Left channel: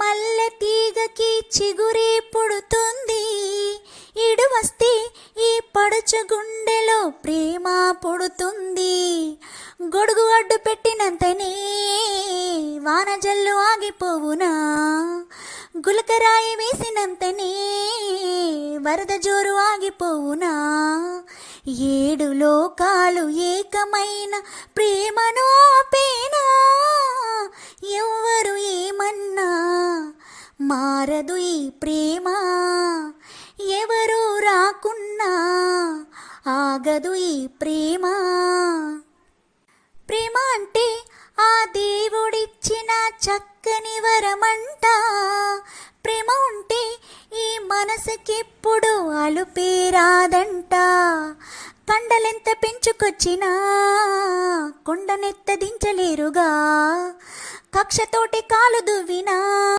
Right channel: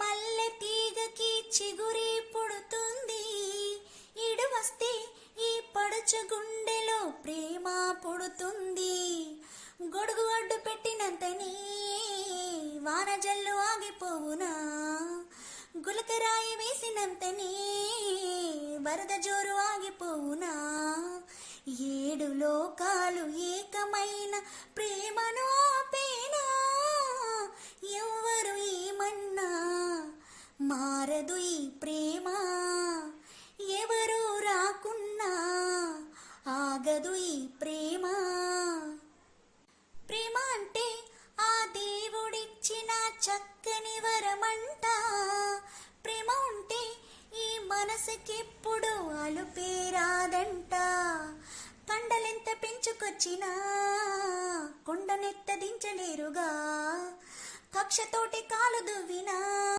మల్లె తీగకి చిగురి పుడుతుంది, ఇడు వస్తే ఈ పడుచు గుండెలో ప్రేమ పుడుతుంది. గొడుగు అడ్డు పెట్టినంతనే వాన జల్లు ఆగిపోవునా, గులకరాయి వేసినంతనే వరద జోరు ఆగిపోవునా. ఏడు లోకాలు ఏకమైన ప్రేమను ఆపేనా, ఎవ్వరు ఏమన్నా మారదు ఈ ప్రేమ, ఎవరు రాకున్నా ఆగదు ఈ ప్రేమ. ప్రేమ అంటే ఆ దేవుడిచ్చిన చక్కని వరమంట, ప్రేమ ఉంటే ఈ మనసుకెప్పుడు అలుపేరాదంట. కండలెంత పెంచుకొచ్చినా కొండనెత్త దించలేరుగా, కక్షతోటి కాలు దువ్వినా